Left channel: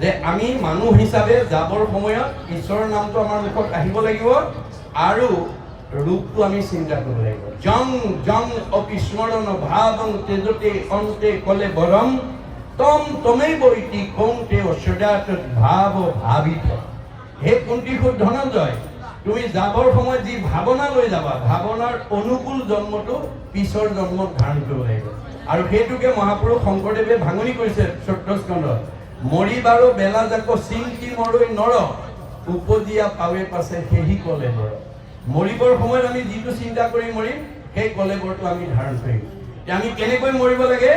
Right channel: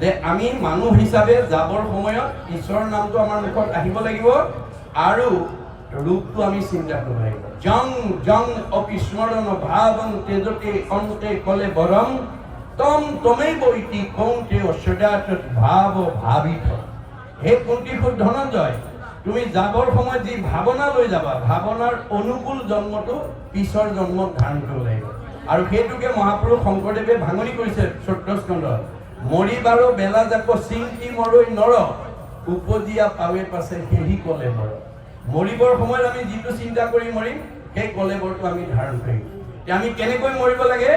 যে আমি মানুহ হিচাপে যাবৰ সময়ত ঈশ্বৰৰ নামটো আমাৰ মুখত আহিব লাগিব আৰু ৰূপটো আমি চিন্তা কৰিব লাগিব। জং জং অপিস্মৰণ ভাৱং তেজতে অন্তে কলে বৰম তম তমেব ইতি কৌন্তে সদাত ভাৱ ভাবিত। হে কুন্তীসুত ধনঞ্জয়, তুমি যাবৰ সময়ত যি ভাৱনা লৈ যাবা, ভাৱনাৰ অনুকূল জন্মটো পিছৰ জন্মত ধাৰণ কৰিব লাগিব। আৰু সেইটোকে মহাপুৰুষ শংকৰদেৱে ভাঙনি কৰিছে ১৪ স্কন্ধত। মৰিবাৰো বেলা যাক চিন্তি মৰৈ নৰ, উপজিয়া পাৱে পাছে সেহি কলে বৰ। মৰিবৰ সময়ত আমি যিটো চিন্তা কৰি মৰিম সেই কলেবৰটো আমি ধাৰণ কৰিম। আমি কেনেকৈ মৰিব লাগে?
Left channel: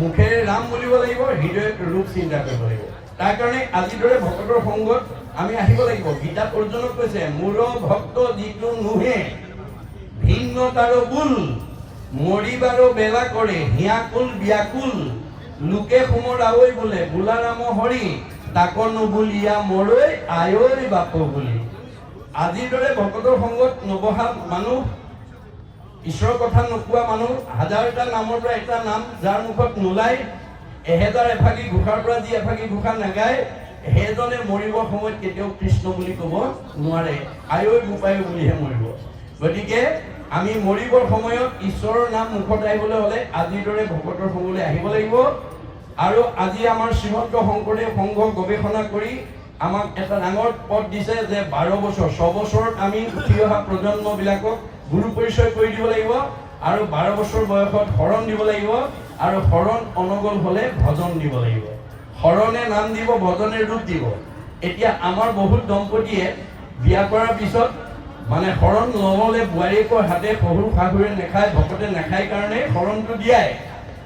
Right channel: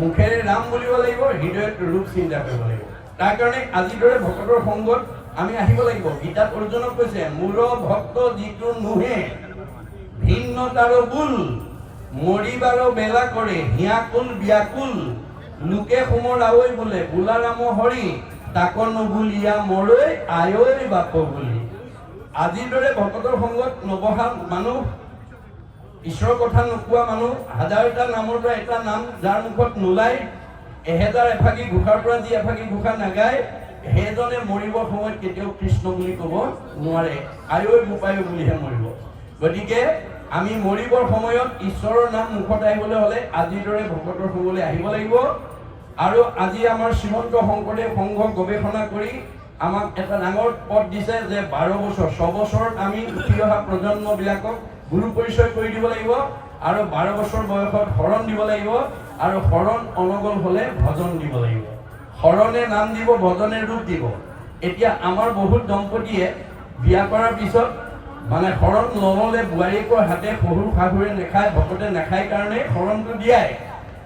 মুখেৰে ৰাম বুলিব লাগিব, হৃদয়ত ৰূপ চিন্তা কৰিব লাগিব। তাৰ কাৰণে আজিৰ দৰে ভকতৰ সংগত আমি আহিব লাগিব। গীতাত অৰ্জুনক কৈছে, মূৰ ভক্ত যিটো নুহে ভিন্ন তাৰ বুল, মৰিবাৰো বেলা কৰে হিয়াকুল ব্যাকুল, লোকে সোমৰ আৱৈ বোলে বোলাৰাম হৰি, তাক নুবুলিয়া মৰৈ আয়ৈ বাপ বুলি। আজিৰ দৰে ভকতৰ সংগত নবহা মানুহ, ঈশ্বৰৰ কথা নোকোৱা মানুহ, হাজাৰটা নামৰ পৰা এটা নাম যাৰ মুখত নোলায়, এহেজাৰ এফাকি ঘোষাৰ পৰা যি এফাকি ঘোষা নাগায়, সেইজনে মৰিবৰ সময়ত কেতিয়াও কৃষ্ণ বুলি ক'ব নোৱাৰে, আয়ৈ বোপায়ো বুলিহে মৰিব। গতিকে আমি মৰিবৰ সময়ত ঈশ্বৰৰ নাম মুখত আহিবলৈ হ'লে আজিৰ দৰে ভকতৰ সংগলৈ আহিব লাগিব। আৰু আজি আমাৰ শ্ৰীমন্ত শংকৰদেৱ সংঘ গৱেষণা কৰি আমাক এটা ডাঙৰ পদ দিছে যে 12 বছৰ 6 বছৰত আমি উঠি অহা প্ৰজন্মবিলাকক গুৰু পৰিচয় কৰি দিব লাগিব, আৰু 12 বছৰ বয়সত শৰণ দিব লাগিব, আৰু শৰণ অনগল হ'লে ভজন দিব লাগিব। শৰণে নাম দিব, ভজনে ৰূপ দিব। এতিয়া আমাৰ বহুত দম্পতীয়ে বিয়া কৰাৰ পিছত মানে শৰণ নহ'লে বোৱাৰীয়েকৰ হাতে শহুৰ শাহুৰে নাখায়, ভকতে নাখায় কাৰণে শৰণটো দিয়াই,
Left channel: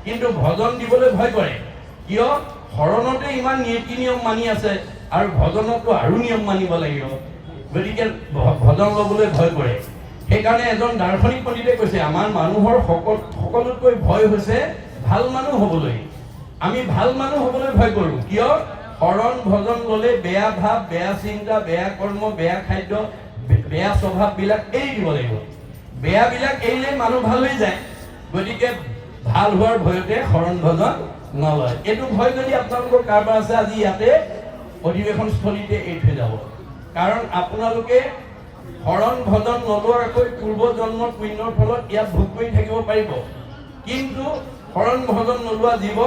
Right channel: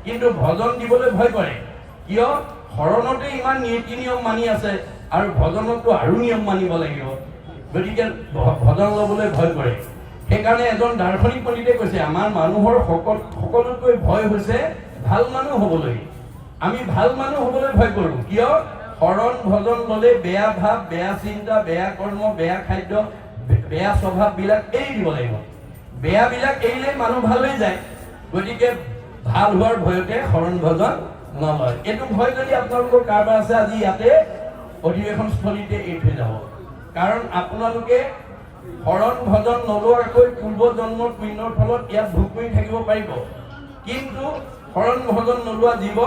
কিন্তু ভজন দিবলৈ ভয় কৰে। কিয়? শৰণতে ইমান নীতি নিয়ম মানি আছে আৰু ভজনতো আৰু নিয়ম মানিব লাগিব, গতিকে ভজন ল'বলৈ ভয় কৰে। সেইকাৰণে এজন দাৰ্শনিক পণ্ডিতে কৈছে, আমাৰ মানুহৰ সকলোতকৈ ভয় হৈছে ভাল মানুহ হ'বলৈ। আমি ভাল মানুহ হ'বলৈ ভয় কৰোঁ। কিয়? শৰণ ভজন ল'লে বেয়া ভাৱ, বেয়া চিন্তা, বেয়া কৰ্ম, বেয়া খাদ্য, বেয়া স্বভাৱবিলাক এৰি দিব লাগিব। বেয়াবিলাক এৰিলে মানুহ ভাল হৈ যায়। গতিকে ভাল হোৱাৰ ভয়তে শৰণ ভজন নলয়। এইটো ভয় যদি আপোনালোকৰ কাৰোবাৰ আছে, আজি ইয়াতে অধিৱেশনস্থলীতে এৰি থৈ যাব। কাৰণ আপোনালোকে শৰণ ভজন নলোৱাকৈ পূৰ্ব জন্মৰ পুণ্যৰ ফলত ইয়াত ভোগ কৰি থাকিব পাৰিব, কিন্তু শৰণ ভজন নোলোৱা জীৱ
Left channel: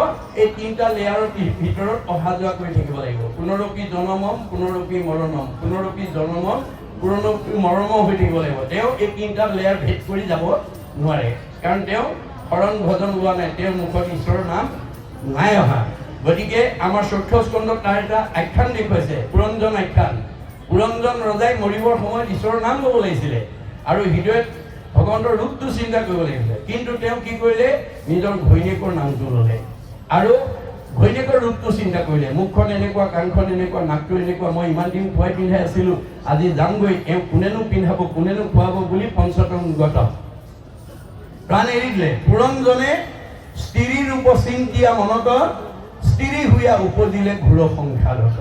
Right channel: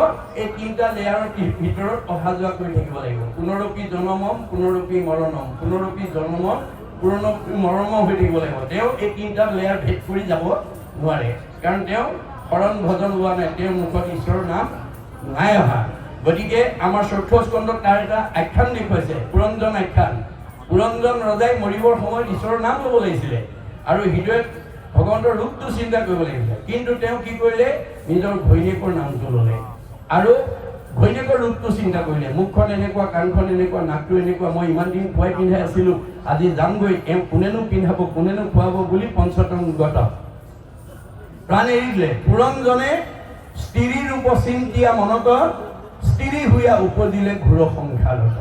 এই 3টা লেয়াৰৰ ভিতৰত অহা যোৱা কৰি থাকিব লাগিব। পুনৰপি জনমম পুনৰপি মৰণম, পুনৰপি জনমম পুনৰপি মৰম হৈ থাকিব লাগিব। তেওঁ এই 3টা লেয়াৰ ভেদ কৰি যাব নোৱাৰে, কাৰণ তেওঁ শৰণ ভজন লোৱা নাই, তেওঁৰ মুখত ঈশ্বৰৰ নাম নাই অহা। গতিকে আমাৰ 4ৰ্থ স্কন্ধত তাৰ এটা আখ্যান দেখুৱাইছে, পুৰঞ্জন আখ্যান। পুৰঞ্জন ৰজাই মৰিবৰ সময়ত ঈশ্বৰৰ নাম ল'ব লাগিছিলে আৰু হৃদয়ত ভগৱন্তৰ ৰূপটো চিন্তা কৰিব লাগিছিলে, কিন্তু তেওঁ কি কৰিলে? নিজৰ ঘৈণীয়েকৰ নামটো ল'লে আৰু ঘৈণীয়েকৰ ৰূপটো চিন্তা কৰিলে। মুখখন এনেকুৱা, কাণখন এনেকুৱা, নাকটো এনেকুৱা, মই ইমান দিন খুৱাই পিন্ধাই আছিলো, আজি যামগৈ, এওঁ কোনেনো পিন্ধাব, কোনেনো খুৱাব বুলি পঞ্চতম গত প্ৰাণ এৰি দিলে। পুৰঞ্জনে স্ত্ৰী ৰূপ চিন্তিয়া মনত, স্ত্ৰী হুয়া উপজিলে ঘোৰ সংসাৰত।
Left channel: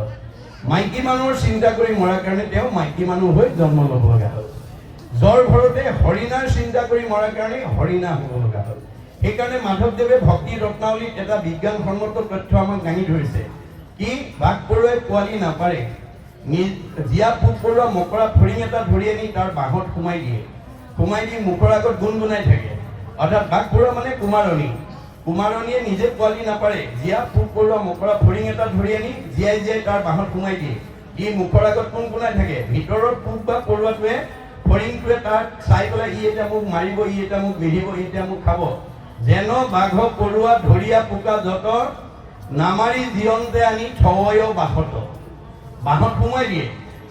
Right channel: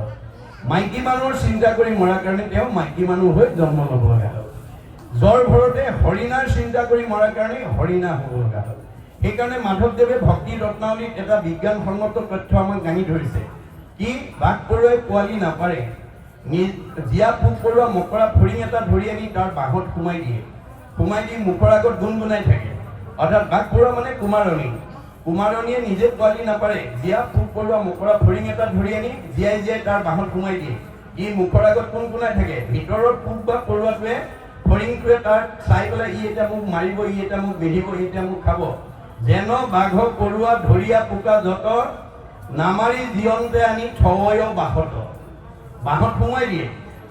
মাইকী মানুহৰ চিন্তা কৰি মৰাৰ কাৰণে তেওঁ মাইকী মানুহ হৈ জন্ম ল'ব লগা হ'ল। জ্বৰ ঘৰতে হৰিণাৰ চিন্তা কৰি মৰাৰ কাৰণে হৰিণা হ'ব লগা হ'ল। সেইকাৰণে মাধৱদেৱে ভক্তি ৰত্নাৱলীত এটা বিজ্ঞানসন্মত তথ্য আমাক দাঙি ধৰিছে। কি? বাঘ পৰুৱাই পোৱালি নাপাৰে, জীয়া পোক পৰুৱা মকৰা ফৰিং এটা ধৰি আনি তাৰ বাঁহত সোমাই দিয়ে, সোমাই দি মুখৰ আগত গুণগুণাই থাকে। অৰ্থাৎ বাঘ পৰুৱা মানে কুমাৰণী, কুমাৰণীয়ে নিজে পোৱালি নাপাৰে, জীয়া পোক পৰুৱা মকৰা ফৰিং এটা ধৰি আনি জীয়াই জীয়াই তাৰ বাঁহত সোমাই দিয়ে। ই মুখৰ আগত কুণকুণাই থাকে, ভিতৰত পোক বা পৰুৱাটোৱে ফৰিংটোৱে তাক চাই পেলাই ই এতিয়া মোক মাৰিব, ই এতিয়া মোক বিধিব, ই এতিয়া মোক খাব। যেন বাঘ পৰুৱা ধৰিয়া পোকা যত, নামাৰি জীয়ন্তে আনি থয় বাঁহত, বাঁহত সোমাই দিয়ে।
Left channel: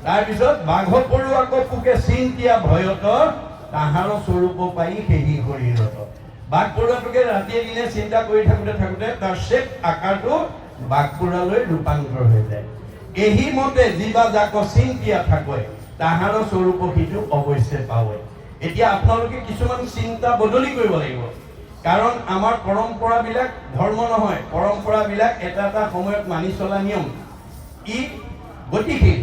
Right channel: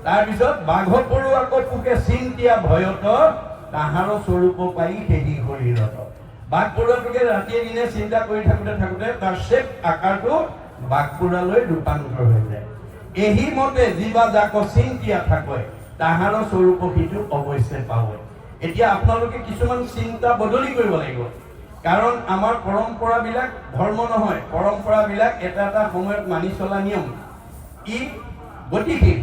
তাৰপিছত বাঘ পৰুৱাক পোকে চিন্তিয়া ভয়ত, তাহাৰ স্বৰূপ পাই সেহি শৰীৰত। বাঘ পৰুৱাটোকে ৰাতিয়ে দিনে চিন্তা কৰি থাকোঁতে থাকোঁতে তাৰ শেষ আকাৰটো বাঘ পৰুৱালৈ ৰূপান্তৰ হৈ যায়। এহি মতে জীৱা যাক চিন্তিয়া থাকয়, তাহাৰ স্বৰূপ সিটো অৱশ্যে পাব। এতিয়া আপোনালোকে কিছুমান চিন্তা বদলি কৰিব লাগিব, কাৰণ আমাৰ পৰম্পৰাবিলাক ধৰ্ম নহয়, পৰম্পৰাবিলাক এটা এটা সময়ত মানি চলা নিয়ম। ই গতিশীল,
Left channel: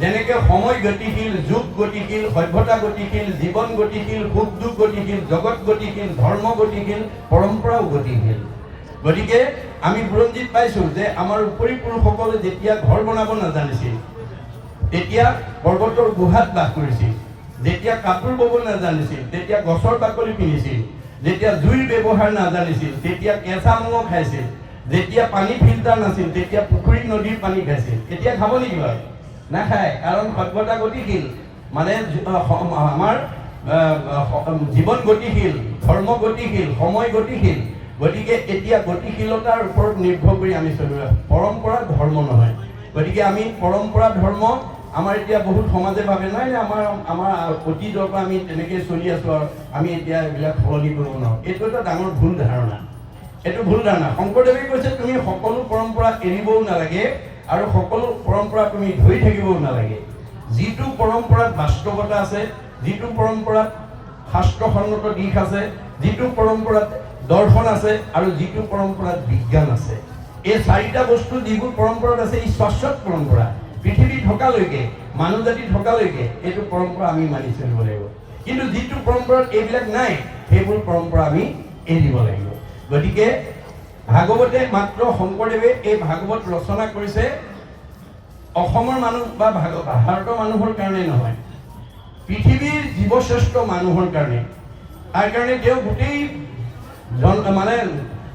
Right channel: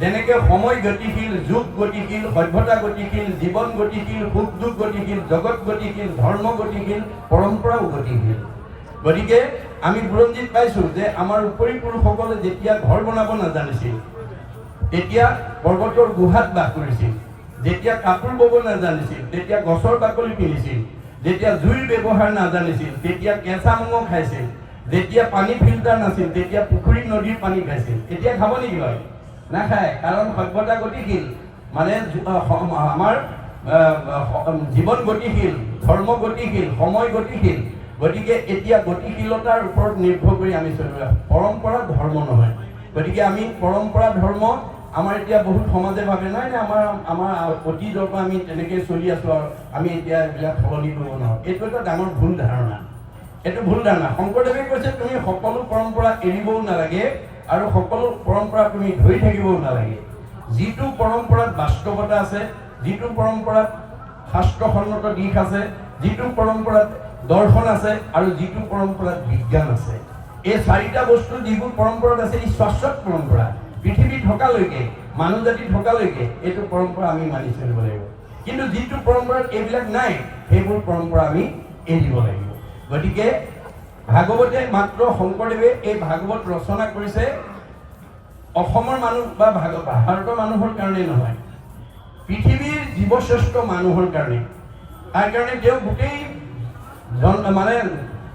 যেনেকে সময় গতিশীল, যুগ গতিশীল, সভ্যতা গতিশীল, জীৱন গতিশীল, সুখ দুখ গতিশীল, জগত গতিশীল, ধৰ্ম গতিশীল, পৰম্পৰাও গতিশীল। গতিকে আমি বুৰঞ্জীত পাইছোঁ যে আমাৰ উপৰি পুৰুষসকলে যেতিয়া ঘৰ বনাব নাজানিছিল, তেতিয়া পৰ্বতৰ গুহাত বাস কৰিছিল, যেতিয়া কাপোৰ বব নাজানিছিল তেতিয়া গছৰ বাকলি পিন্ধিছিল, যেতিয়া জুইৰ ব্যৱহাৰ নাজানিছিল তেতিয়া কেঁচা মঙহ খাইছিল, যেতিয়া পানী ফিল্টাৰ নাছিল তেতিয়া পুখুৰী নদীৰ পানী খাইছিল। এতিয়া খাব নেকি বাৰু? নাখায়, কাৰণ সভ্যতা গতিশীল, মানে আমাৰ জীৱন গতিশীল, ধৰ্ম গতিশীল, সময় গতিশীল। গতিকে এতিয়া গতিশীলতাৰ ওপৰত নিৰ্ভৰ কৰি আমি চলি আছোঁ, পৰম্পৰা ধৰ্ম নহয়। গতিকে আমি পৰম্পৰা ধৰ্ম আমাৰ এতিয়া বহুত সমাজে ভাবে নাই আমাৰ অতীতৰ পৰা আমি তেনেকৈ চলি আছোঁ আৰু আমি এতিয়া এইবিলাক সলনি কৰিব নোৱাৰোঁ। এইটো এটা ডাঙৰ ভুল ধাৰণা, এইটো ভুল ধাৰণা। শংকৰদেৱে কৈছে তুমি সকলো পৰম্পৰা এৰিবও নালাগে আৰু সকলো পৰম্পৰা তুমি ধৰি থাকিবও নালাগে। যিটো পৰম্পৰাত বাস্তৱতা আছে, যিটো পৰম্পৰাত শাস্ত্ৰসন্মত দিশ আছে, যিটো পৰম্পৰাত দৰ্শন আছে আৰু যিটো পৰম্পৰাত বিজ্ঞান আছে, এই চাৰিটা বস্তু যিবোৰ পৰম্পৰাত আছে ই শাশ্বত পৰম্পৰা। পৃথিৱী থকালৈকে, মানুহ জাতি থকালৈকে এইটো পৰম্পৰা আমি মানি চলিব লাগিব। কিন্তু যিটো পৰম্পৰাত এইবিলাক নাই সেইবোৰ পৰম্পৰা আমি এৰিব লাগিব। গতিকে ভাগৱতে মাত্ৰ শংকৰদেৱে এই ভাগৱত ৰচনা কৰিছে অসমৰ মানুহ বা ভাৰতৰ মানুহৰ কাৰণে নহয়, পৃথিৱীৰ জীৱশ্ৰেষ্ঠ মানুহৰ কাৰণে। তাৰ কাৰণে তেওঁ গোটেই মানে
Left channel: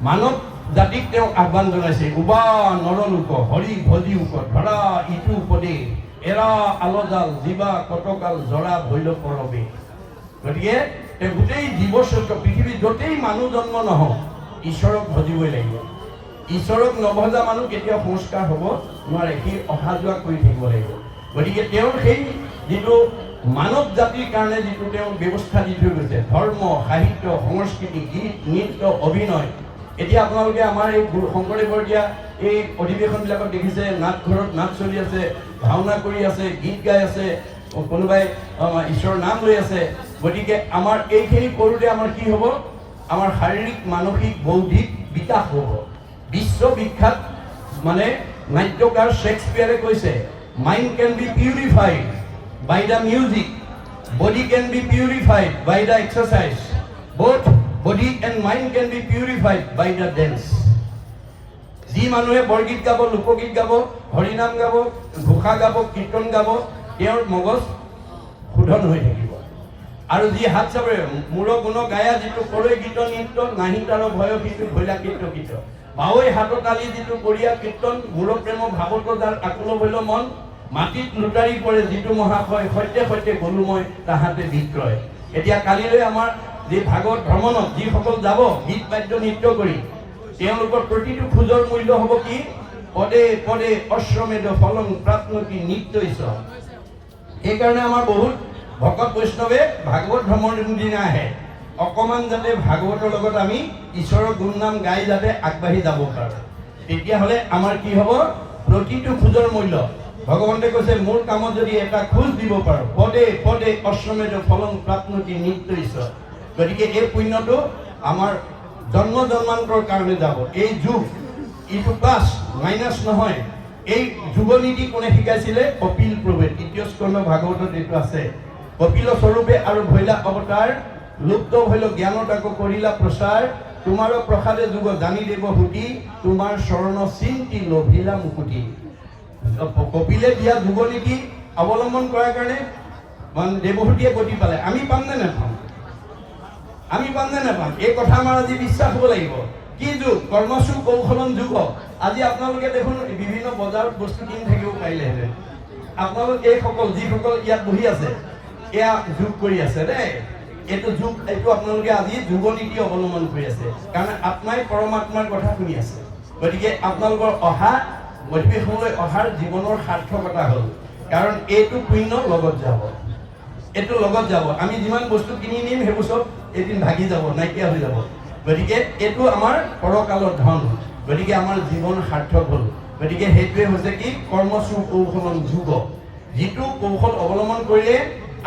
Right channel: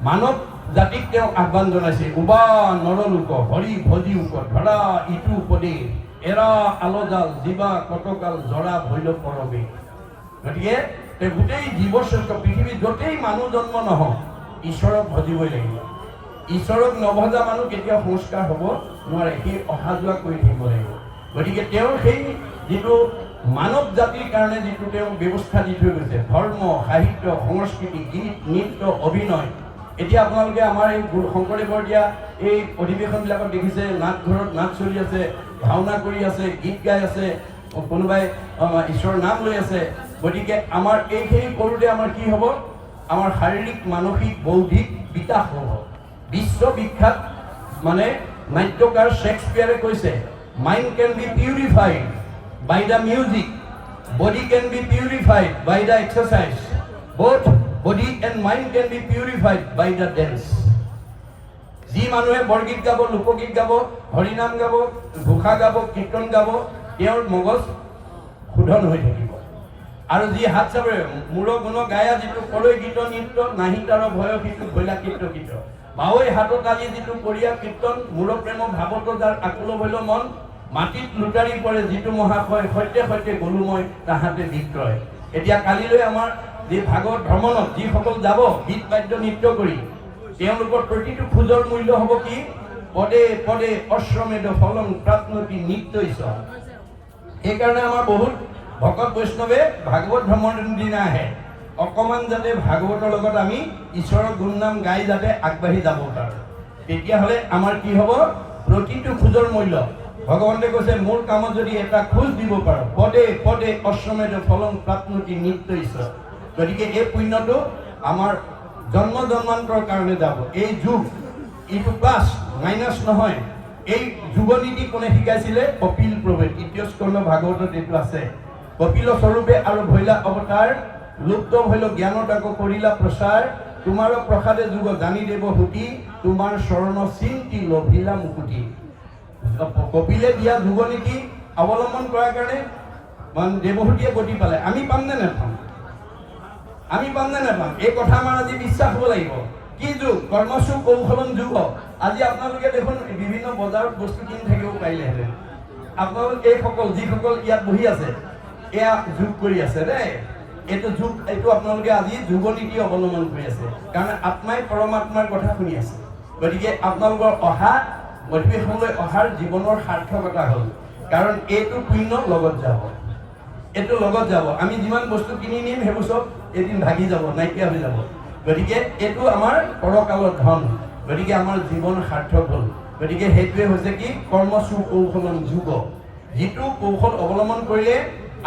মানৱ জাতিক তেওঁ আহ্বান জনাইছে, উবা নৰলোক হৰি ভজি উক ধৰা ইটো পদে এৰা আলজাল জীৱা কটকাল জৰা ভৈল পৰবে। গতিকে তেওঁ গোটেই জীৱশ্ৰেষ্ঠ পৃথিৱীত য'তেই মানুহ জন্ম নহওক ঈশ্বৰক ভজিবই লাগিব। ঈশ্বৰক নভজা মানুহ কেতিয়াও সংস্কাৰ হ'ব নোৱাৰে, সি অহা যোৱা কৰি থাকিব লাগিব। গতিকে তেওঁৰ সেই যিটো মানৱ জাতিৰ কাৰণে যিটো তেওঁ ব্যৱস্থা দি থৈ গৈছে, ধৰ্ম, সাহিত্য, সংস্কৃতি, গীত, নৃত্য, অভিনয়। এতিয়া আপোনালোকে আমাৰ এই শংকৰদেৱৰ দিয়া এই অধিৱেশনবিলাকত দেখিছে, নাটঘৰত নাট চলি আছে, ভাওনা কৰি আছে, গীত গাই আছে, কোনোবাই ঈশ্বৰৰ নাম লৈ আছে। গতিকে আমাৰ এইখিনি কৰোঁতে আমাৰ কি হ'ব? আমাৰ শাৰীৰিক, মানসিক, বৌদ্ধিক বিকাশ হ'ব। বিশ্ববিখ্যাত মানে নাট্যকাৰ শ্বেক্সপিয়াৰে কৈছে, mind can be purified by the music, body can be purified by the exercise, both body and mind can be purified by the dance. যি মানুহে বৰগীত গাব, লোকগীত গাব, হৰিনাম গাব, ঘোষা গাব, কীৰ্তন গাব, তেওঁৰ মগজ শোধন হৈ থাকিব। আৰু যি হাত চাপৰে মূৰ গুণ গায়া যিটো কৰে গীত নৃত্য, নাহি তাৰ ভয় সিটো ভৈলা কীৰ্ত কীৰ্ত, ভাৱৈ হাতত আলি যিটো কৰিয়া কীৰ্তন, মূৰ প্ৰেম ভাৱত যাৰ আকুল ভৈল মন, মাটিত লুটাৰি পৰে যিটো মহাশয়, সৈতে সৈতে গলো মই তাহাঁতে বিক্ৰয়। এতিয়া কালিলৈ আমাৰ যি ভাগৱত ভ্ৰমণত যিসকল যাব গীত বাদ্য নৃত্য কৰি, তেওঁলোকৰ প্ৰতিটো খোজৰ মূল্য হ'ব কি? পদে পদে অশ্বমেধ ফলং প্ৰাপ্নতি নিত্যৈষ। সেইকাৰণে আমাৰ বহুত ভকত বৈষ্ণৱে ভাগৱত ভ্ৰমণৰ দিনা আহে, অকণমান যাতে ভাগৱতৰ লগত আমি ঈশ্বৰৰ গুণনাম গাই যাতে আগবাঢ়ি যাব পাৰোঁ। তেতিয়াহ'লে আমাৰ কি হ'ব? প্ৰতিটো খোজৰ মূল্য। ভগৱন্তে কৈছে মোৰ কামত যদি এটা খোজ দিব পাৰো, পদে পদে অশ্বমেধ ফলং প্ৰাপ্নতি নিত্যৈষ। গতিকে এই পুণ্যটো আমাৰ জন্ম জন্মান্তৰ কাৰণে যাব। এই যুগ ইটো প্লাছ মাইনাছ নহয়। এই যুগনীতি কোনে শিকাইছিলে? কপিল প্ৰভে। তৃতীয় স্কন্ধ ভাগৱতত এইটো আছে। কপিল স্বৰূপে আৰু ভৈলা অৱতাৰ, লুপ্ত ভৈল জ্ঞানত আকৌ কৰিলা প্ৰচাৰ, তোমাৰ প্ৰসাদে যুগ জানি দেৱ হুতি, তোমাৰ চৰণ চিন্তি লভিলা মুকুতি। কপিলে দিয়া যুগনীতি অৱলম্বন কৰাৰ কাৰণে দেৱহূতিয়ে গতি পালে। আমি পাম নে নাপাম? আমি পাম নে নাপাম? এই কথা আমাৰ আজি বিশ্বাস হ'ব লাগিব। কি যুগ? কৰ্মসু কৌশলম যুগ। আজি আপোনালোকে দেখোন বিভিন্ন বজাৰত বস্তু কিনি থাকিব পাৰিলেহেঁতেন। আপোনালোক এইসকল যিসকল ইয়াত বহি আছে, এয়া যোগ কৰি আছে দেই। এইটো যুগ, এইটো আপোনালোকে আজি যুগনীতি অৱলম্বন কৰি আছে, কাৰণ আত্মাই পৰমাত্মাৰ কথা শুনি আছে। গতিকে আপোনালোকৰ অহা অধিৱেশনলৈ অহাৰ জীৱনৰ সাৰ্থকতা হ'ল, কাৰণ এইটো পুণ্য লগত যাব, এইটো লগত যাব। আমি যিমান বস্তু কিনি নিম সেইবোৰ চব এদিন ভাগি যাব, নাইকিয়া হৈ যাব। গতিকে এইটো আমাৰ পৰকালৰ ধন। গতিকে আমাৰ জীৱন সাৰ্থক হ'ল। গতিকে সেইটোৱে হৈছে কি? কৰ্মসু কৌশলম যুগ। যিটো কৌশল অৱলম্বন কৰিলে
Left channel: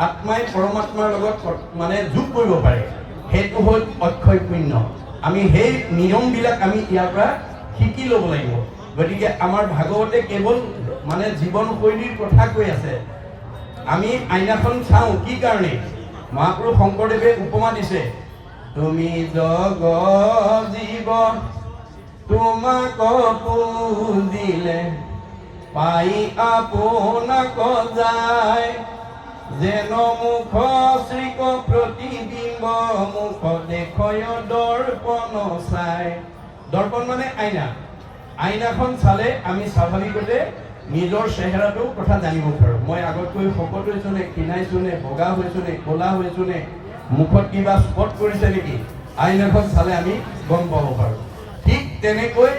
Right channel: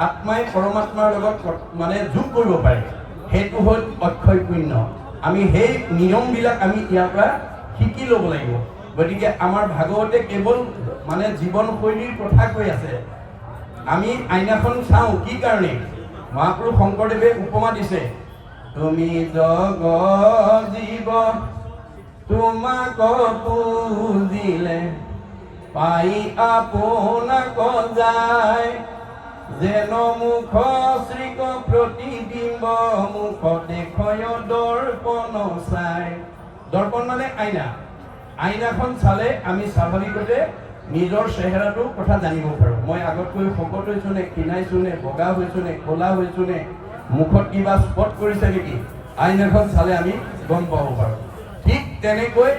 আত্মাই পৰমাত্মাৰ লগত মানে যোগ কৰিব পাৰে, সেইটো হ'ল অক্ষয় পুণ্য। আমি সেই নিয়মবিলাক আমি ইয়াৰ পৰা শিকি ল'ব লাগিব। গতিকে আমাৰ ভাগৱতে কেৱল মানে জীৱনশৈলীৰ কথা কৈ আছে। আমি আইনাখন চাওঁ কি কাৰণে? মহাপুৰুষ শংকৰদেৱে উপমা দিছে, তুমি জগ জীৱ তোমাক পুজিলে পাই আপোনাক যায় যেন মুখ শ্ৰীক প্ৰতিবিম্ব মুখ দেখয় দৰ্পণ চাই। দৰ্পণ মানে আইনা। আইনাখন চালে আমি স্বাভাৱিকতে নিজৰ চেহেৰাটোৰ কথা জানিব পাৰোঁ। মই আগতকৈ শকত হৈছোঁ নে, ক্ষীণাইছোঁ নে, বগা হৈছোঁ নে, ক'লা হৈছোঁ নে, মুখত কিবা স্পট কৰিছে নেকি, আইনাখন চালে আমি গম পাব পাৰোঁ। ঠিক তেনেকৈ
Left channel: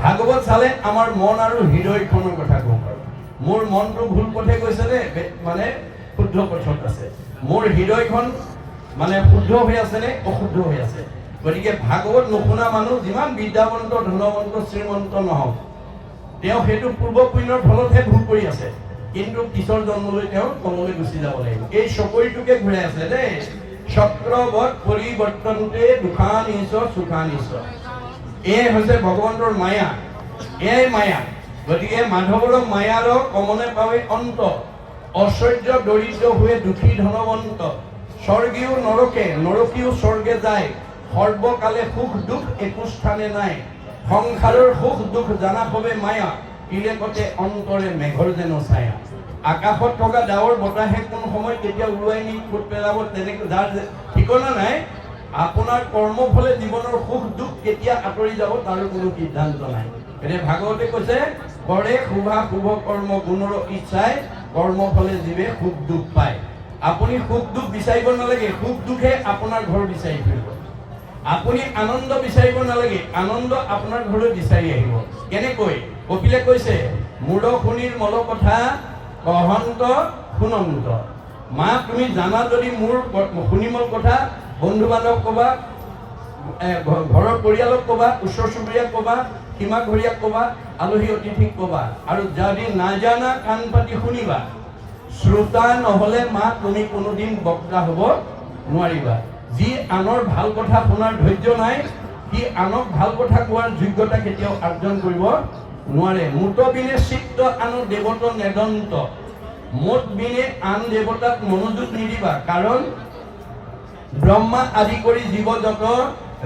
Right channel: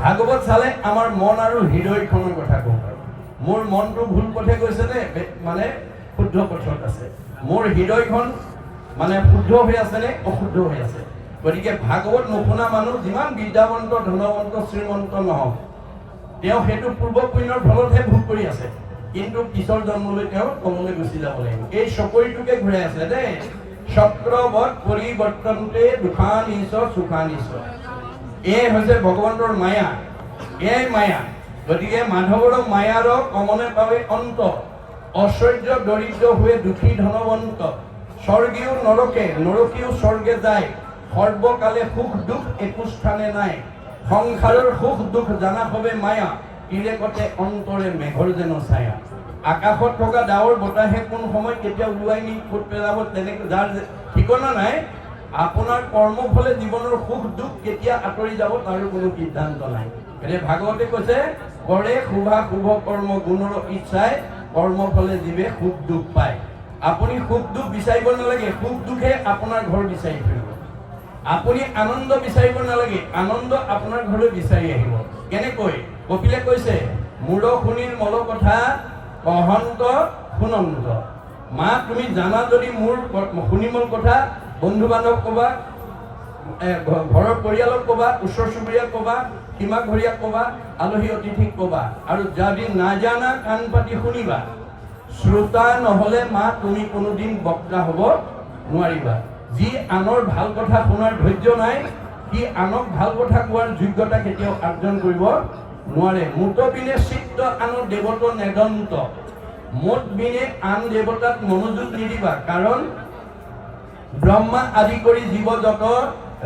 ভাগৱত চালে আমাৰ মন আৰু হৃদয়খনৰ কথা গম পাৰোঁ। মোৰ মনটো ভুল পথে গৈছে নে মানে শুদ্ধ পথত আছে, মোৰ হৃদয়খন মানে শুদ্ধ হৈ আছে নে অশুদ্ধ হৈ আছে। গতিকে ভাগৱত নুশুনা মানুহ যিমান বিদ্যাৱন্ত ধনৱন্ত শ্ৰীমন্ত নহওক, তেওঁ সেইটো পূৰ্ব পুণ্যৰ ফলতহে ভোগ কৰি আছে, কিন্তু পিছৰ জন্মলৈ তেওঁ তললৈ গুচি যাব লাগিব। এই চকৰিটোকে ঘূৰাই আছে দেই, চক্ৰবৎ পৰিৱৰ্তনতে দুখানিছ সুখানিছ। এই হৈছে ভগৱন্তৰ মায়া, এই মায়া। গতিকে মাধৱৰ মায়াৰ কমনে পাৱে অন্ত, ঐশ্বৰ্য দৰিদ্ৰ হৈ দুখী ধনৱন্ত, স্বৰ্গীয় নৰকে নৰকীয় স্বৰ্গে যায়, সৰ্বকালে সুখ দুখ একো স্থানে নাই, সংসাৰৰ সুখ দুখ জানা হবে মায়া, ইৰে কতে অন্তৰে মেঘৰ যেন ছায়া। আকাশত থকা ডাৱৰ বতাহে কোন সময় কেতিয়া উৰুৱাই নি ফুট পেলাব তেনেকৈ যাৰ ঠিকনা নাই। আপোনাৰ কৰ্মফলে জীৱনৰ সুখ দুখ কেতিয়া আঁতৰি যাব তাৰো কোনো সিদ্ধান্ত নাই। এনে ভাগৱতে কৈছে কৰে শুভা শুভ কৰ্ম গুণৰ ইচ্ছাই, কৰ্মফলে জীৱে সুখ দুখ পায়। আপুনি সুখ দুখ বিচাৰিব নালাগে, সুখ দুখে আপোনাৰ ঘৰ বিচাৰি ফুৰিব। আপুনি আনন্দ বিচাৰিব নালাগে, আনন্দ আপোনাৰ ঘৰলৈ বিচাৰি আহিব। কেনেকৈ? কপিলে কৈছে মূৰ শুনিৰ মল কথা অহন্ত শুনন্ত। মা তুমি জানা যদি মোৰ শুনিমল কথা, বন্ধু বান্ধৱ কবা, ঘৰৰ পৰিয়ালক কবা, ওচৰ চুবুৰীয়াক কবা, সীমা ঘৰীয়াক কবা, আলহী অতিথিক কবা, আৰু যদি নাজানা কাণ পাতি শুনিবা। শ্ৰোতা নহলে মা তুমি কোনোদিন বক্তা হব নোৱাৰিবা। যি আনৰ ভাল কথা শুনাৰ ধৈৰ্য নাই, সি আনক ভাল কথা কোৱাৰ যোগ্যতা কেতিয়াও অৰ্জন কৰিব নোৱাৰে। মুত বিনে চিত্ত আনৰ দেৱত নেদন্ত, মত বিনে আন দেৱতাক মনোযোগ নিদিবা, কাৰণ ব্ৰহ্মা আদি কৰি জীৱ যত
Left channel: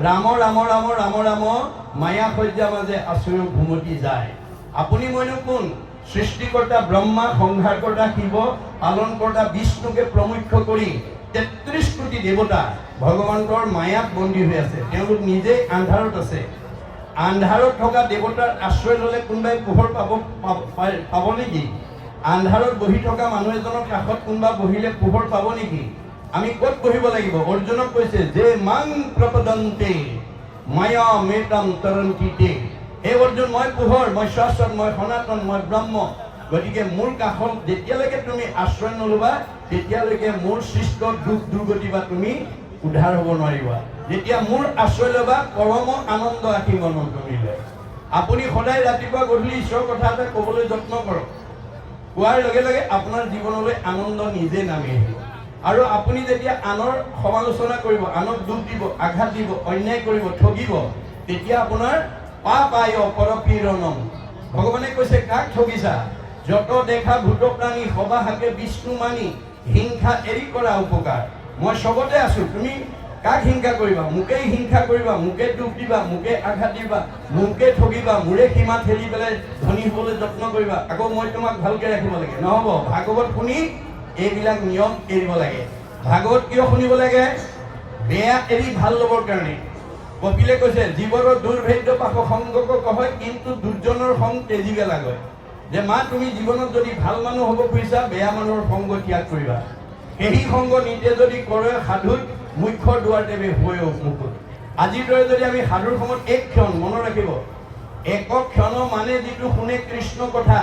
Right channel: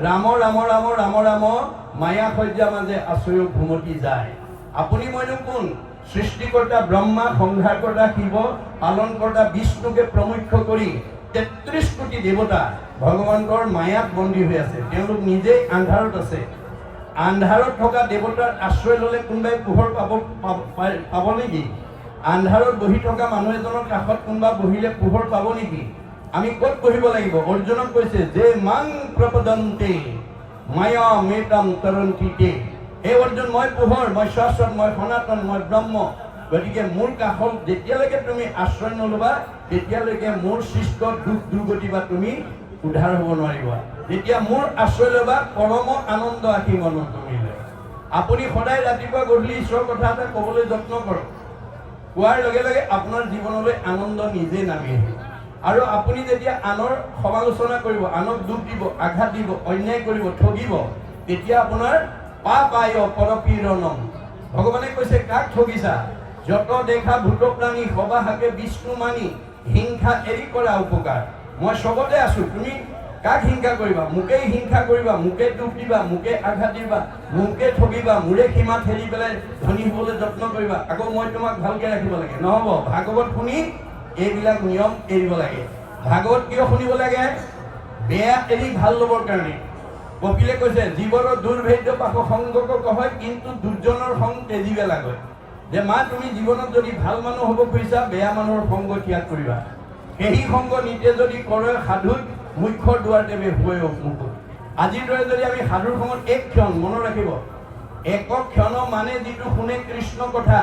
ৰাম ৰাম ৰাম ৰাম ৰাম মায়া সজ্জা মাজে আশ্ৰয় ঘুমতি যায়। আপুনি মইনো কোন? সৃষ্টিকৰ্তা ব্ৰহ্মা, সংহাৰকৰ্তা শিৱ, পালনকৰ্তা বিষ্ণুকে প্ৰমুখ্য কৰি ৩৩ কোটি দেৱতা ভগৱন্তৰ মায়াত বন্দী হৈ আছে। তেওঁলোক নিজে আন্ধাৰত আছে। আন্ধাৰত থকা দেৱতাৰ আশ্ৰয় ললে কোনোবাই পোহৰ পাব নেকি? আন্ধাৰত বহি থকা মানুহ এজনৰ কাষত কোনোবা বহিলে পোহৰ পাব নেকি? আমি ক'ত বহিব লাগিব? অৰ্জুনক কৈছে যে মাং প্ৰপদন্তে মায়া মেতাম তৰন্তিতে। হে অৰ্জুন, মই পোহৰ, মই শাশ্বত, মই সনাতন, মই ব্ৰহ্ম। গতিকে মোৰ কাষত যেতিয়ালৈকে তুমি আশ্ৰয় নলবা তেতিয়ালৈকে মোৰ সৃষ্ট দুখ দুৰ্গতি বা তুমি উদ্ধাৰ হ'ব নোৱাৰিবা। যেতিয়া মোৰ আশ্ৰয় ল'বা পৰম আনন্দ আহি মনত তুলিলে। আপুনি সদায় ৰাতিপুৱা গধূলি ঈশ্বৰৰ কথা এটা ক'বলৈ যত্ন কৰক। কোৱাৰ লগে লগে আপোনাৰ জীৱনলৈ আনন্দ নিজে নামি আহিব। আৰু আপুনি যেতিয়া আনৰ সমালোচনা কৰিব, আনক দুখ দিব, আঘাত দিব, অন্যায় কৰিব, ঠগিব, তেতিয়া আপোনাৰ পাপ আয় পৰকীৰণম। ভগৱানে কৈছে কাক ঠগিছা? যত দেখা ভূত প্ৰাণী সবা হাকে বিষ্ণু মানি, হিংসা এৰি কৰা উপকাৰ। মই চবতে আছো, তুমি কাক হিংসা কৰিবা? মোকেই হিংসা কৰিবা, মোকে দুখ দিবা, মোকে আঘাত দিবা, মোকে ঠগিবা, মোৰে সীমা ঠেলি পেলাই ধনী হবলৈ যত্ন কৰিবা, আকৌ মই তোমাক ভালকে ৰাখিব লাগে। নহব। ভাগৱত শুনি এইবিলাক নিয়ম এৰিব লাগে। ভাগৱত কিয় শুনিব লাগে? বেয়া এৰি ভাল ল'বৰ কাৰণে। কপিলে কৈছে জীৱৰ দুৰ্ভেদ্য পাশ সংগক কয়, কিন্তু দুৰ্জনৰ সং তেজিবে লাগে। যে মা তুমি জীৱনত যদি ভাল মানুহ হ'ব খুজিছা, বেয়া মানুহৰ সংগ ত্যাগ কৰিবা। সেই সংগ নিতে যদি কৰে সাধুত মুখ্য দুৱাৰ দেৱে হৈ মুকুট। আজিৰ দৰে যদি আমি সাধুৰ সময়ত এক ক্ষণ মনত ৰাখিব, এক ক্ষণ মানে যিটো শুনে কৃষ্ণ কথা,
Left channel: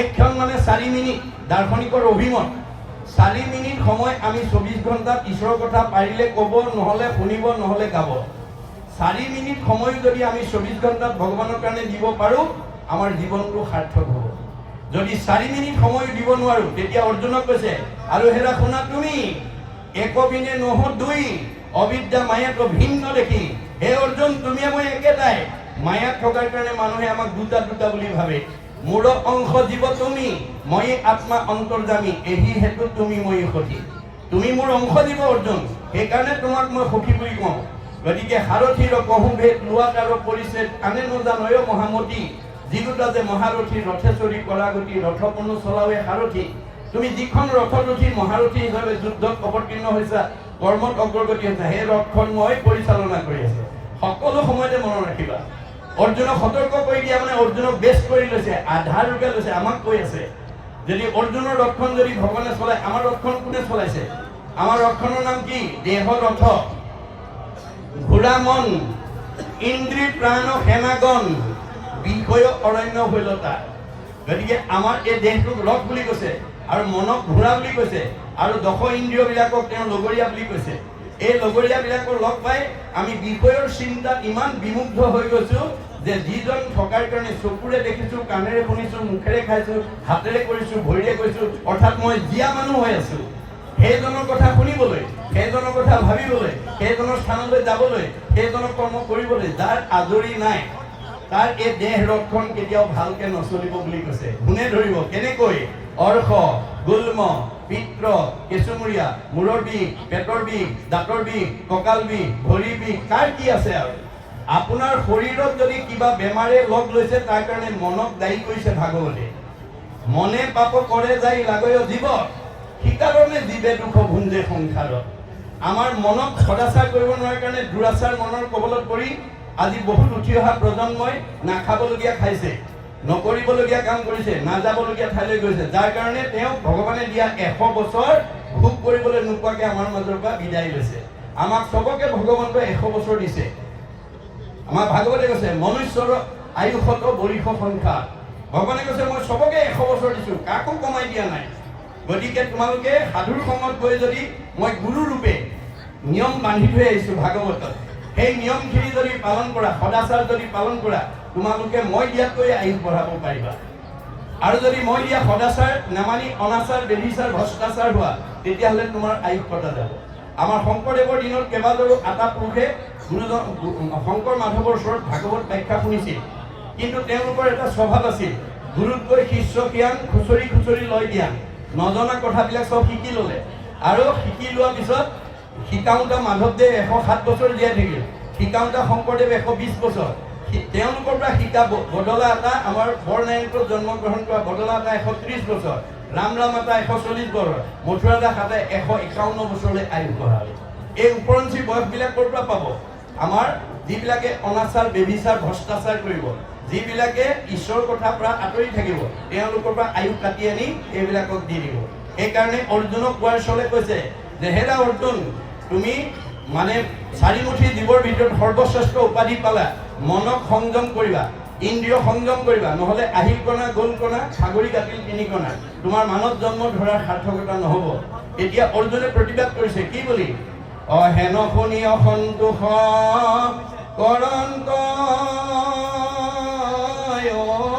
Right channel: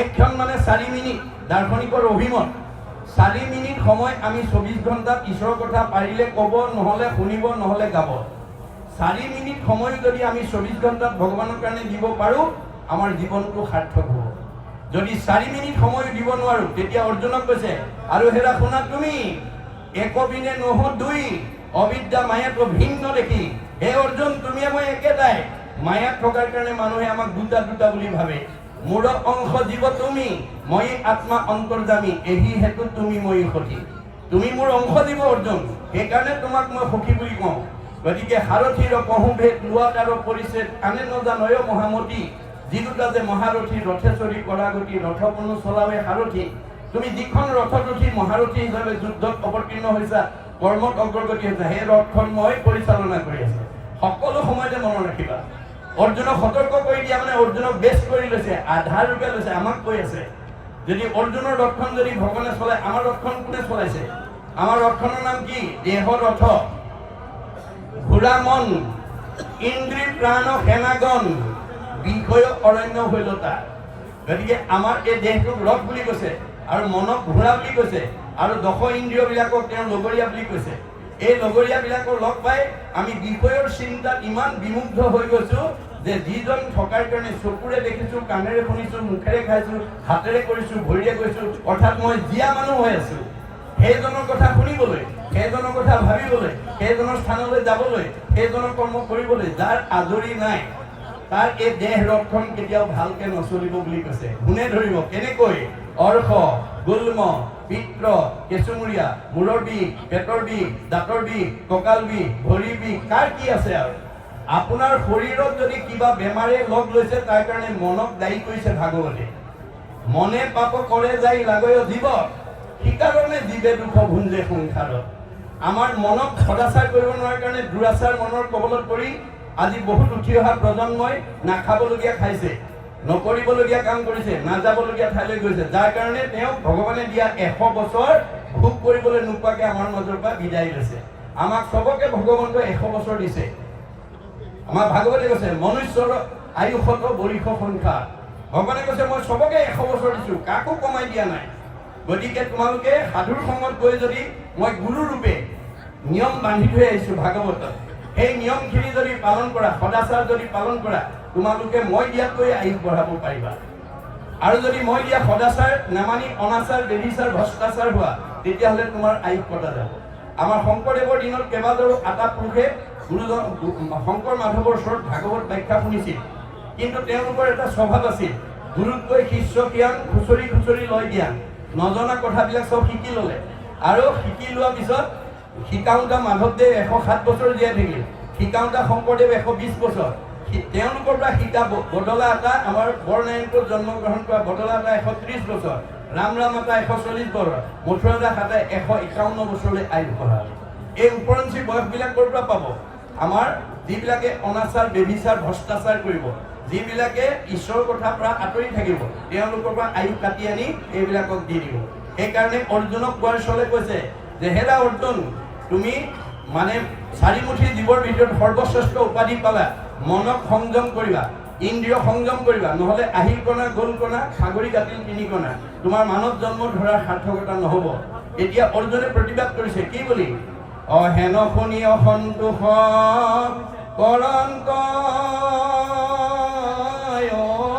এক ক্ষণ মানে 4 মিনিট। দাৰ্শনিকৰ অভিমত 4 মিনিট সময় আমি 24 ঘণ্টাত ঈশ্বৰৰ কথা পাৰিলে ক'ব, নহলে শুনিব, নহলে গাব। 4 মিনিট সময় যদি আমি 24 ঘণ্টাত ভগৱানৰ কাৰণে দিব পাৰো, আমাৰ জীৱনটো সাৰ্থক হ'ব। যদি 4 মিনিট সময় দিব নোৱাৰো, তেতিয়া অৰ্জুনক কৈছে আৰু হেৰা শুনা তুমি, একবিনে নহ দুই, অবিদ্যা মায়াক ভিন্ন দেখি। হে অৰ্জুন, তুমি মই একেটাই। মায়াত থকাৰ কাৰণে মানুহে আমাক দুটা দুটা বুলি ভাবে। মোৰ অংশ জীৱ তুমি, মই আত্মা অন্তৰ্যামী, এই হেতু তুমি মই সখী। তুমি মোৰ অংশ জীৱ অৰ্জুন, সেইকাৰণে তোমাক মই সখী বুলি কওঁ। গতিকে সাৰথীৰ কহুভেদ লোৱাত আৰু পৰিছেদ আনে নজানয় মহামতী যিদুটা যে মহাৰথী ৰথে চৰি কৰাগতি ৰথকনো চলাৱে সাৰথী তুমি যিখন ৰথত উঠি মহাৰথী হিচাপে যুদ্ধত অৱতীৰ্ণ হৈছা কৰ্মত অগ্ৰগতি হৈছে সেই ৰথখন মই পৰিচালনা কৰি আছো সকলো সময়তে মনত ৰাখিবা অৰ্জুনক সতৰ্ক কৰি দিয়া মানে অৰ্জুনক বেছ কৰি লৈছে আধাৰ ৰূপে লৈছে আমাক কৈ আছে যদি অৰ্জুনৰ ৰথখন যদি ভগৱানে চলায় আমাৰ ৰথখন কোনে চলাইছে আমাৰ ৰথখনৰ নাম কি দেহ ৰথ ঘোঁৰা মন ইন্দ্ৰিয় প্ৰাণ সেনাগণ বিষয় অৰণ্য হৈলতা গতিকে আমাৰ এই দেহটোক ৰথ বুলি কৈছে আৰু মনক ঘোঁৰা বুলি কৈছে আৰু দশ ইন্দ্ৰিয়বিলাকক তেওঁ লগৰীয়া বুলি কৈছে এই লগৰীয়াবিলাকৰ লগ পাই আমি বিষয়ৰ চিন্তাত ইমান বিমুগ্ধ হৈ গৈছো যে যিজন থকাৰ কাৰণে চকুৰে দেখিছো কাণেৰে শুনিছো মুখেৰে খাইছো হাতেৰে কৰিছো ভৰিৰে গৈছো অৰ্থাৎ মই জীয়া মানুহ হৈ আছো সেইজনৰ কথা শুনিবলৈ সেইজনৰ কথা ভাবিবলৈ সেইজনৰ স্থানলৈ যাবলৈ সেইজনৰ কৰ্ম কৰিবলৈ যাৰ আজৰি নাই তাৰ এই দেহ ৰথখন কেতিয়াও ভালকে নচলিব বুলি কৈছে কোনে ধৰিব কেনেকৈ অৰ্শ গুল্ম পিত্ৰ কেঁচুমুৰীয়া মূৰৰ বিষ পেটৰ বিষ দাঁতৰ বিষ কঁকাল বিষ ভৰি বিষ কাৰ কি আছে আৰু আপোনাৰ শৰীৰত যদি কিবা বেমাৰে লগ লৈছে তাৰ কাৰণে মনক দায়ী কৰিছে ভাগৱতে মনে পাপ কৰে যাই লাগয় জীৱ শিকাৰণে জীৱে দুখ ভুঞ্জে সংসাৰত আমাৰ মনক সদাচাৰ কৰিব নোৱাৰাৰ কাৰণে দুৰাচাৰ মনৰ কবলত পৰি আজি বহুত উঠি অহা প্ৰজন্মই নাখাবলগীয়া খাইছে নকৰিবলগীয়া কাম কৰিছে নাযাবলগীয়া ঠাইলৈ গৈছে যাৰ কাৰণে তেওঁক ভগৱানে দিয়া 100 বছৰ ভোগ কৰিবলৈ নোপোৱাকে আমাৰ মাজৰ পৰা বিদায় লৈছে আমাক সবকে ভগৱন্তই 100 বছৰ দিছে আমাৰ ভাগৱতে কৈছে মনুষ্যৰ আয়ুষত বৰিষ সংখ্যা ভগৱানে কৈছে মই সবকে 100 বছৰ দিছো কাকো কমাই দিয়া নাই গতিকে তোমালোকে সাধুৰ সময়ত গৈ যদি মই গুৰু ৰূপে নিয়ম বান্ধি থৈ আহিছো ভাগৱতত সেই নিয়মখিনি যদি পালন কৰা সদাচাৰ যদি পালন কৰা তোমালোকে মই দিয়াকৈ আয়ুষ বঢ়াব পাৰিবা আৰু যদি মই দিয়া সদাচাৰ নামানি অনাচাৰ বেদিচাৰ ভ্ৰষ্টাচাৰ হোৱা তেতিয়াহ'লে তোমাৰ আয়ুষ কটা যাব আমাৰ শংকৰদেৱৰ দিনত কেইবাজনো আটা পুৰুষে গুৰুজন শংকৰ মাধৱৰ ওচৰত ভাগৱত ব্যাখ্যা শুনিছিল কিন্তু তেওঁলোকৰ এটা স্বভাৱ আছিল গুৰুতকৈ শিষ্য জ্ঞান খুচৰি খুচৰি লয় জ্ঞান নজনা কথাবিলাক সব শিকি ল'লে আৰু শিকি লোৱাৰ পিছত শিকাওঁতা মাধৱদেৱ 107 বছৰ জীয়াই থাকিল শিকাওঁতা শংকৰদেৱ 120 বছৰ তেওঁলোকৰ পৰা শিকা বদলা এটা আমাৰ বৰনাৰায়ণপুৰত জন্মগ্ৰহণ কৰা বদলা এটা 130 বছৰ ৰাম এটা 140 বছৰ মথুৰা দাস এটা 151 বছৰলৈ আয়ুস বঢ়ালে এই উপৰঞ্চি বয়সবিলাক ক'ৰ পৰা পাব আমাৰ যিবিলাকে অনাচাৰ বেবিচাৰ ভ্ৰষ্টাচাৰ কৰিব যিবিলাকে ঈশ্বৰৰ কথাৰ পৰা আঁতৰি থাকিব তেওঁলোকৰ পৰা আয়ুস কাটি আনি এইবিলাকক দি দিব সেইকাৰণে অৰ্জুনক কোৱাৰ চলে কৈছে যে হেৰা অৰ্জুন তুমি মানে চাৰিমুঠি জীৱৰ ভিতৰত সৰ্বশ্ৰেষ্ঠ উপাধি পালা মনক সংযম কৰিবা ইন্দ্ৰিয় সংযম কৰিবা নহলে আহিল কণা গোল কণা সাগৰী কাটিল 3 কণা তোমাৰ মানৱ জন্ম ধৰাৰ সাৰ্থকতা নহব এতিয়া অৰ্জুনে প্ৰতিবাদ কৰিছে কি বুলি অহেন শুনি অসন্তোষ কৰন্ত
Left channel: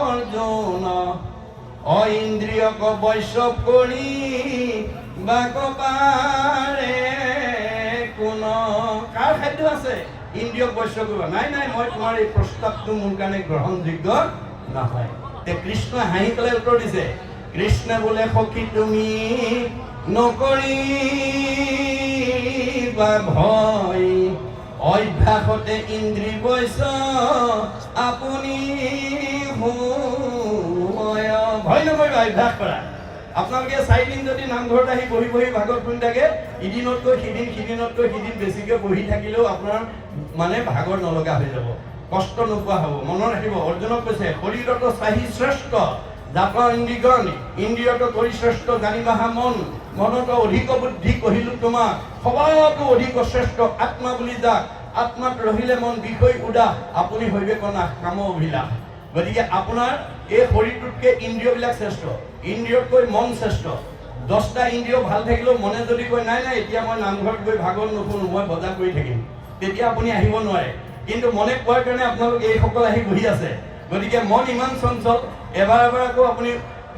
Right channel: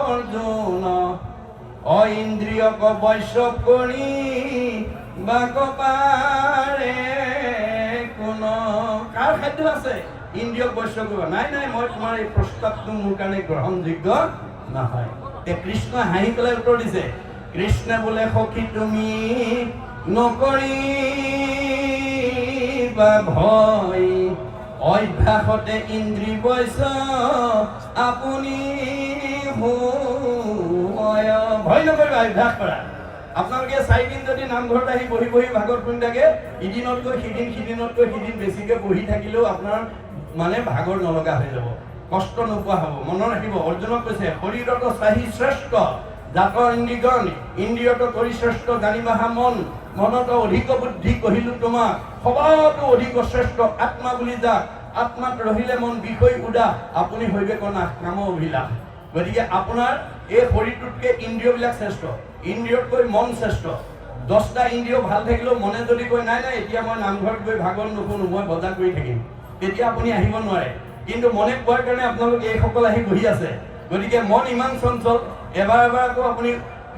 অৰ্জুন ইন্দ্ৰিয়ক বৈশ্য কৰি বাক পাৰে কোন কাৰ খাদ্য আছে ইন্দ্ৰিয়ক বৈশ্য কৰিবা নাই নাই মই তোমাৰ এই প্ৰস্তাৱটো মোৰ কাৰণে গ্ৰহণযোগ্য নহয় কৃষ্ণ হাঁহি পেলাই উত্তৰ দিছে কৃষ্ণ বোলে সখী তুমি নকৰিবা ভয় অভ্যাসতে ইন্দ্ৰি বৈশ্য আপুনি ভয় নকৰিবা অভ্যাস কৰা আপোনালোকে 4 দিন যদি নামঘৰত আহি বহি বহি ভাগৱত শুনি থাকে ইদিনতকৈ সিদিনতকৈ সিদিন বেছিকৈ বহি থাকিলেও আপোনাৰ মানে ভাগৰ নলগা হৈ যাব কষ্ট নোপোৱা হ'ব মনত ৰাখিব অৰ্জুনক কৈছে শৰীৰত চাহি শ্ৰেষ্ঠ জাত ইন্দ্ৰিগণ ইন্দ্ৰিয়ত কৰি শ্ৰেষ্ঠ জানিবাহা মন মনত অধিক বুদ্ধি কহিলো তোমাক সবাতো অধিক শ্ৰেষ্ঠ আত্মা বুলি যাক আত্মাত ৰহিলে মন বিষয় উদাস আপুনি হৈবে কনা কাম অভিলাষ গতিকে আপোনাৰ এই শৰীৰটোতকৈ ইন্দ্ৰিয়বিলাক শ্ৰেষ্ঠ ইন্দ্ৰিয়তকৈ মন শ্ৰেষ্ঠ 10টা ইন্দ্ৰিয় ভাল থাকিলেও মনে যদি কয় নাই নাই এতিয়া মই নামঘৰত গৈ ভাগৱত নুশুনো মই বজাৰ কৰি থাকিম তেতিয়া আপুনি আহিব নোৱাৰে কিন্তু মনে কোৱাৰ কাৰণে আপোনালোক এইসকল আহি বহি আছে গতিকে মন ইমান চঞ্চল এবাৰ আকৌ আপুনি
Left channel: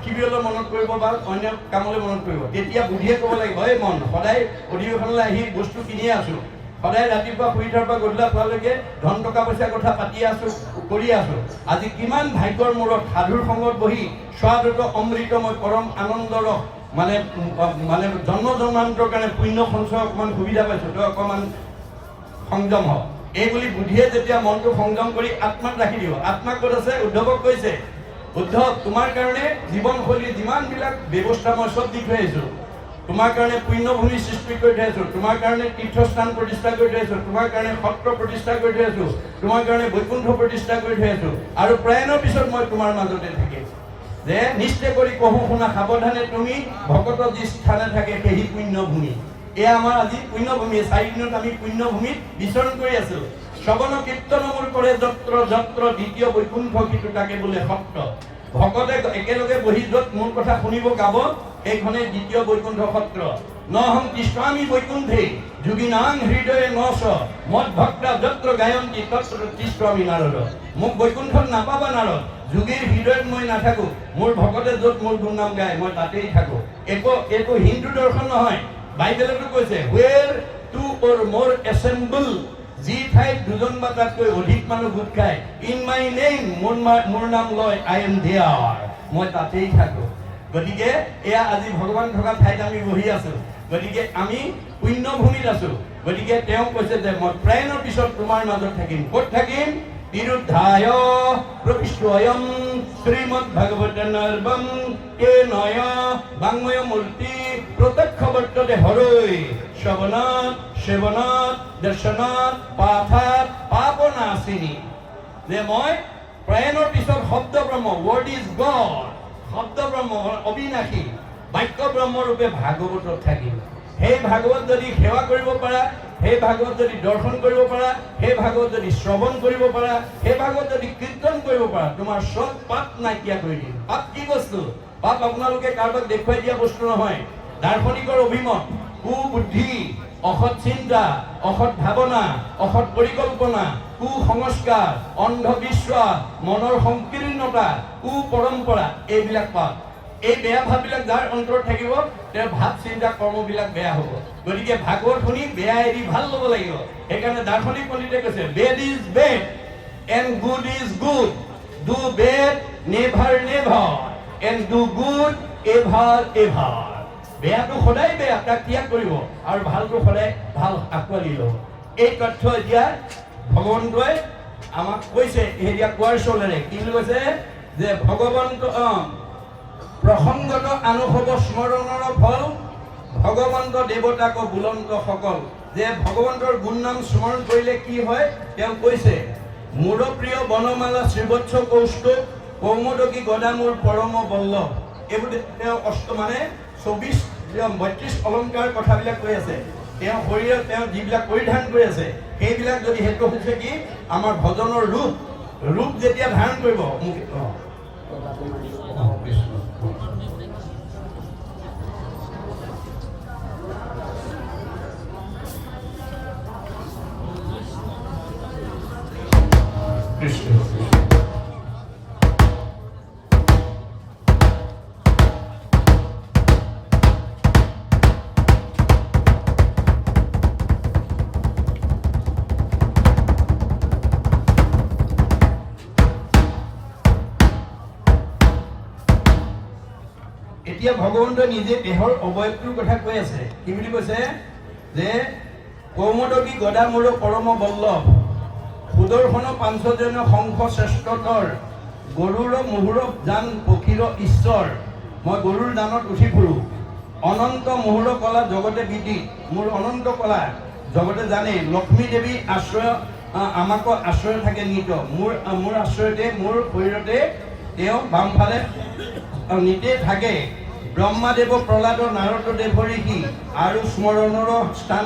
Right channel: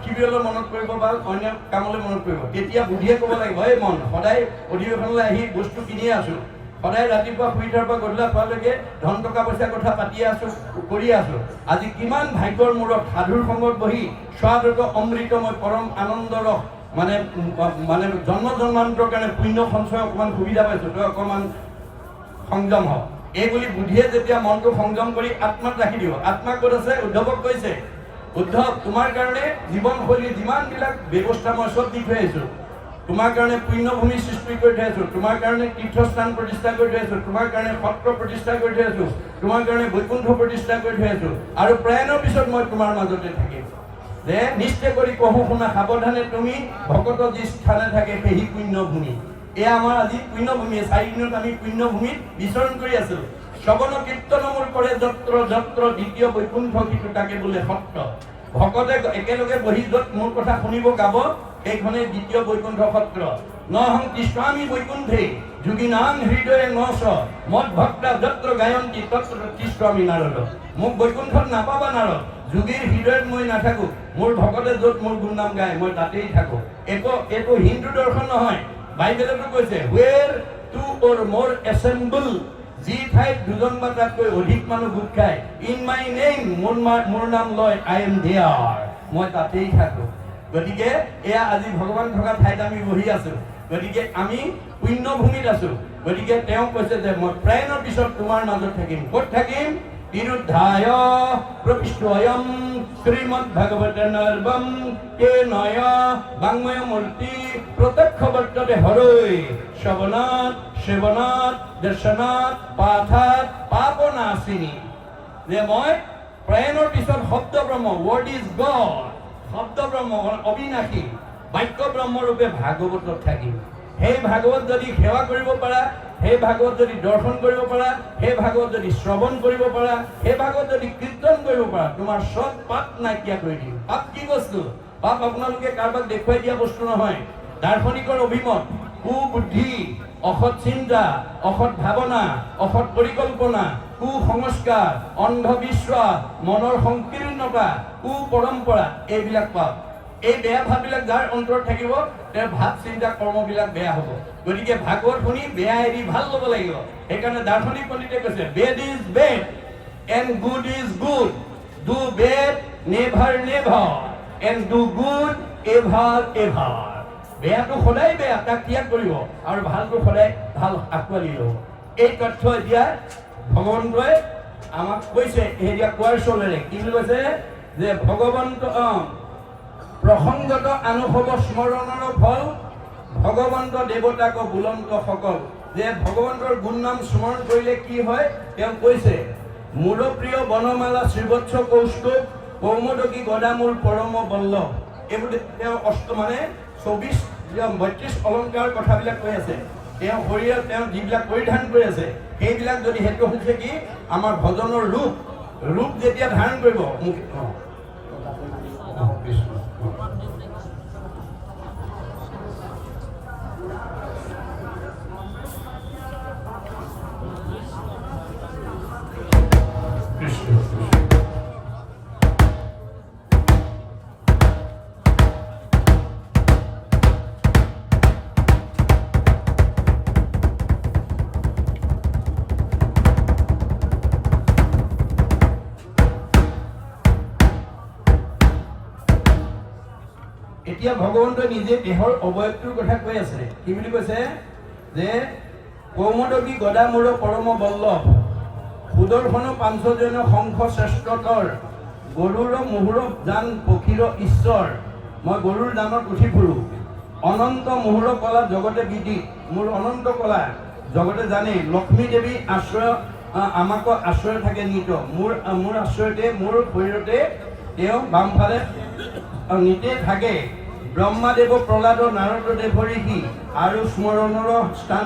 শিবিৰলৈ মনত কৰিব বা অন্য কামলৈ মনত কৰিব তেতিয়া বুদ্ধিয়ে ক'ব লাগিব এই মন সদায় অধিৱেশনলৈ আহি বস্তু কিনিয়ে আছো সদায় ৰাতিপুৱা শুই উঠাৰ পৰা গধূলা খোৱালৈকে ধন টকা পইচাৰ কথা পাতি আছো কৰি আছো আজি কিমান ভাগ্যৰ মূৰত সাধুৰ সংগত বহি স্বাদত অমৃতময় পৰম আনন্দৰ মানে জন্ম জন্মান্তৰ কাৰণে পুণ্য সঞ্চয় অকণমান সুবিধা পাইছো তই অকণমান সংযম হওক এই বুলি বুদ্ধিয়ে যেতিয়া মনটো সংযম কৰি আত্মাত ৰাখি দিব। আত্মা ক'ত আছে? উদ্ধৱক কৈছে, উদ্ধৱ তোমাৰ কাৰণে জীৱনশৈলী যিমানবিলাক ব্যৱস্থা মই চব দি থৈ আহিছোঁ। তোমাৰ কাৰণে পুণ্যভূমি সৃষ্টি কৰি থৈ আছোঁ, তোমাৰ কাৰণে তীৰ্থস্থান প্ৰতিষ্ঠা কৰি থৈ আছোঁ, তোমাৰ কাৰণে সত্ৰ প্ৰতিষ্ঠা কৰি থৈ আছোঁ, তোমাৰ কাৰণে বৈকুণ্ঠ প্ৰতিষ্ঠা কৰি থৈ আছোঁ, আৰু প্ৰয়াণৰ পিছত মই তোমাৰ মাজতে থাকিম। যে নিশ্চয় কৰি কহু শুনা সাৱধানে তুমি ভকত যি স্থানে থাকে সেই পুণ্যভূমি। এয়া আমাৰ আজি পুণ্যভূমি। 4 দিনত আমি পুণ্যভূমিত বিচৰণ কৰি আছো। শ্ৰৱণ কীৰ্তন মোৰ কৰে যত্ৰ যত্ৰ দ্বিতীয় বৈকুণ্ঠ কিন্তু তাকে বোলে সত্ৰ। ভকতে একেলগে বহি য'ত মোৰ কথা শুনিব গাব সেইখনে দ্বিতীয় বৈকুণ্ঠ সত্ৰ। নহং তিষ্টামি বৈকুণ্ঠে যোগিনাং হৃদয়ে নচ মদ ভক্তা যত্ৰ গায়ন্তি তত্ৰ তিষ্টামি নাৰদ। মোক বৈকুণ্ঠত নাপাবা নাৰদ, যোগীৰ হৃদয়ত মই নাথাকো, মোৰ ভকতে য'ত মোৰ গুণনাম গায় মই তাতেই থাকো। এইটো হিন্দু দৰ্শন নহয়, বাইবেলতো কৈছে হুৱেৰ টু অৰ মোৰ এছেম্বল, যি ঠাইত দুজন বা তাতকৈ অধিক মানুহ গোট খায়, ইন মাই নেম মোৰ নাম লয় আই এম দেয়াৰ, মই তাতেই থাকো। গতিকে এয়া আজি ভগৱান থকা ঠাইত আমি বহি আছো, গতিকে আমি পুণ্যভূমিত আছো। গতিকে তেওঁ কৈছে যে মই প্ৰায়ণৰ পিছত তোমাৰ মাজত থাকিম। ক'ত থাকিম? বিৰুদ্ধায় প্ৰবিষ্টয়ম শ্ৰীমদ ভাগৱত নৰ্বম তে নয় বাংময় মূৰ্তি প্ৰত্যক্ষ বৰ্ততে হৰৈ শ্ৰৱণাত সেৱনাত দৰ্শনাত পাঠাত পাপনাশিনী। যে মই প্ৰায়ণৰ পিছত শব্দ ব্ৰহ্ম, ৱৰ্ড ইজ গড, শব্দ ব্ৰহ্ম অবিনাশী বাক্য ব্ৰহ্মৰূপে ভাগৱতত থাকিম। সেই ভাগৱত যদি সেৱা কৰিব পাৰা, সেই ভাগৱত যদি দৰ্শন কৰিব পাৰা, সেই ভাগৱত যদি শ্ৰৱণ কৰিব পাৰা, সেই ভাগৱত যদি কীৰ্তন কৰিব পাৰা, তোমাৰ চব পাপ নাইকিয়া কৰি দিম। পাপ কি বস্তু? পাপ আপোনালোকে কাৰোবাক দেখুৱাই দিয়া বস্তু নহয়। দাৰ্শনিকৰ অভিমত কুবুদ্ধি, অসৎ চিন্তা, অসৎ ভাৱনা, অসৎ পৰিকল্পনা, কুসংস্কাৰ, অন্ধবিশ্বাস, মনৰ সংকীৰ্ণতা, কুপৰম্পৰা, এইবিলাক পাপ। এই বেয়া ভাববিলাক যাৰ অন্তৰত থাকিব তেওঁৰ ভাৱ চিন্তা কৰ্মবিলাক বেয়া হ'ব। গতিকে ভাগৱত শুনি বেয়া এৰি ভাল ল'ব লাগিব। সেইকাৰণে দাৰ্শনিক পণ্ডিতে কৈছে bed is bed and good is good, do bed never never and do good ever ever. বেয়াটো সদায় বেয়া, তাক ত্যাগ কৰিব, আৰু ভালটো সদায় ভাল আঁকোৱালি ল'ব। এই তথ্য এতিয়া ভগৱন্তই আমাক কৈছে। এতিয়া কোৱাৰ চলেৰে কি বুলি কৈছে? যে ভগৱন্ত প্ৰসংগত আনুভৱ স্মৰণৰ ফল ভগৱন্ত দেৱতাক বুলন্ত সকল। যে ভগৱন্তৰ গুণ নাম স্মৰণ কৰিলে কি হয় তেওঁ কৈছে, মোৰ প্ৰিয় বনমালা শ্ৰীবৎস কৌষ্টুভ কৌমদকী গদা মোৰ পৰম বল্লভ। এইবোৰ তেওঁ মানে 32 অলংকাৰ কথাবিলাক কৈ আছে। তেওঁ শৰীৰত তেওঁ যিবিলাক পৰিধান কৰি আছে সেইবিলাক যদি সেইটো হৈছে কি আমাৰ ভজনৰ ৰূপ যেতিয়া ধাৰণ কৰিব। কৃষ্ণ এতিয়া ভগৱন্তই নিজে দেহৰ অৱয়ৱটোৰ কথা কৈ আছে। কি বুলি কৈছে? যে কৌমদকী গদা মোৰ পৰম বল্লভ, সুদৰ্শন পাঞ্চজন শংখ শ্ৰেষ্ঠতৰ, গৰুৰ মুহুৰ জান পক্ষীৰ ঈশ্বৰ, মই গৰুৰ দানত উঠি ফুৰো, অনন্ত মুহুৰ কলা জগতে বিদিত, মোৰ অনন্ত কলা জগতে জানে, লক্ষ্মী দেৱী আশ্ৰয় আমাকো আশ্ৰয় থাকে নিত, মোৰ আশ্ৰয়তে মোৰ শৰীৰতে তেওঁ বামফালে নিতে থাকে, ব্ৰহ্মাদেৱ প্ৰহ্লাদ নাৰদ দেৱ ঋষি আৰু স্মৰণৰ স্থান